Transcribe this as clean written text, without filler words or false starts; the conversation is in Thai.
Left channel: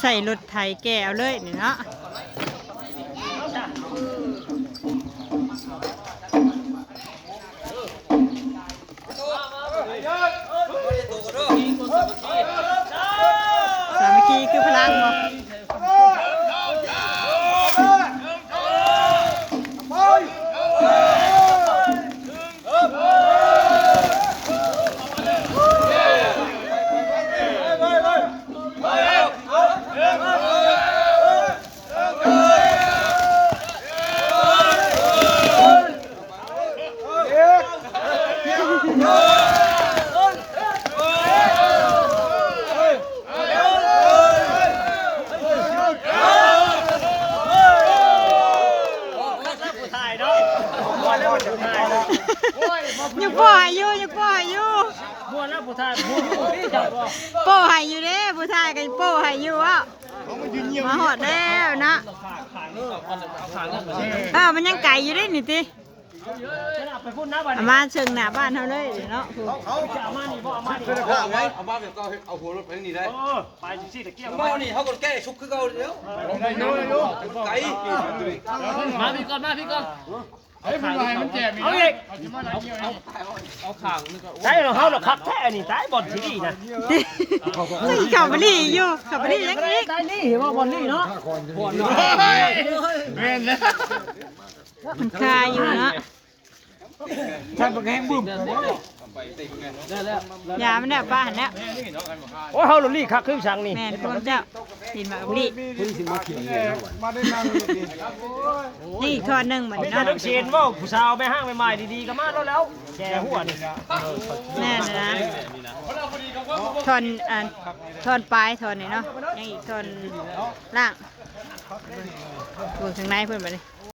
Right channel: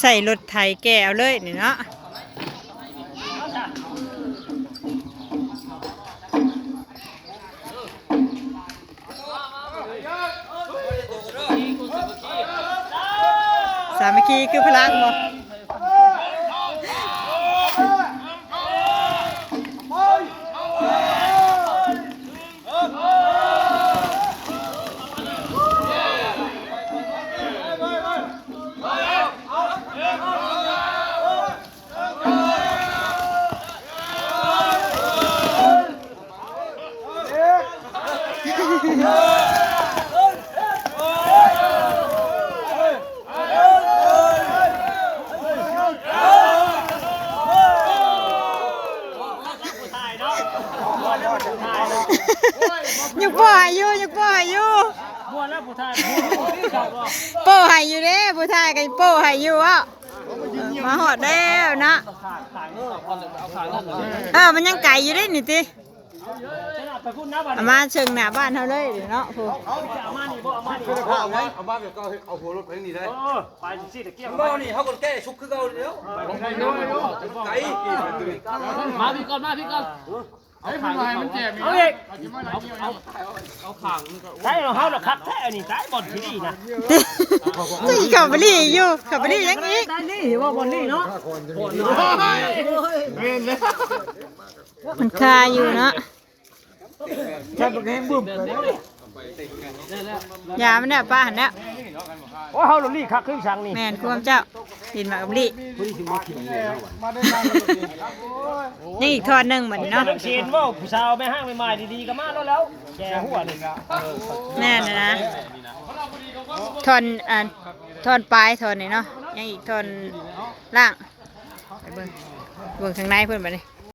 ใส่รถไถแก่เอาเลยนี่เนาะสามัคคีคือพลังบ่ยังป่อยอยู่ยังป่อยอยู่บัวแล้วผู้ชายโป้หายอยู่เด้ผู้ชายกันโป้หายอยู่อ่ะมาหอดแล้วนะมันยังไก่อยู่ได้นี่ติมาเชิงหน้าบ้านเขาเลยเนาะผู้เอามาเดี๋ยวก็เอาหัวรถไปนี่ได้ไปสิตะเกียบบ่นี่เขาก็แก้ชุกคือเก่าเดี๋ยวไก่มาพี่ก่อนเฮ้ยมันแก่เอาอีกเอาขางนี่ก็ใช่เขาหรอครับแท้นี่ใช่บอลที่นี่นะนี่ขับไปรี่อยู่ขับไปรี่ยังงี้ใช่นี่ว่าบอลนี่เนาะบอลเรียนเลยมันคาอยู่เนาะแค่แห้งบึ้มยามันเนี่ยป้าหันเนี่ยโอ้เขาหลุดลี่คักขึ้นช่างนี่แม่พวกเจ้าดินมากับลี่นี่อีกทอดหนึ่งเหมือนเนาะเชนว่าผู้สาวแม่ห้างใหม่ๆดีๆก็มาแล้วแกหัวนี่แน่นะทอนทอนปลายทอนนี่เนาะยังอีกทอนล่างบวกทางในเพื่อนไปเลย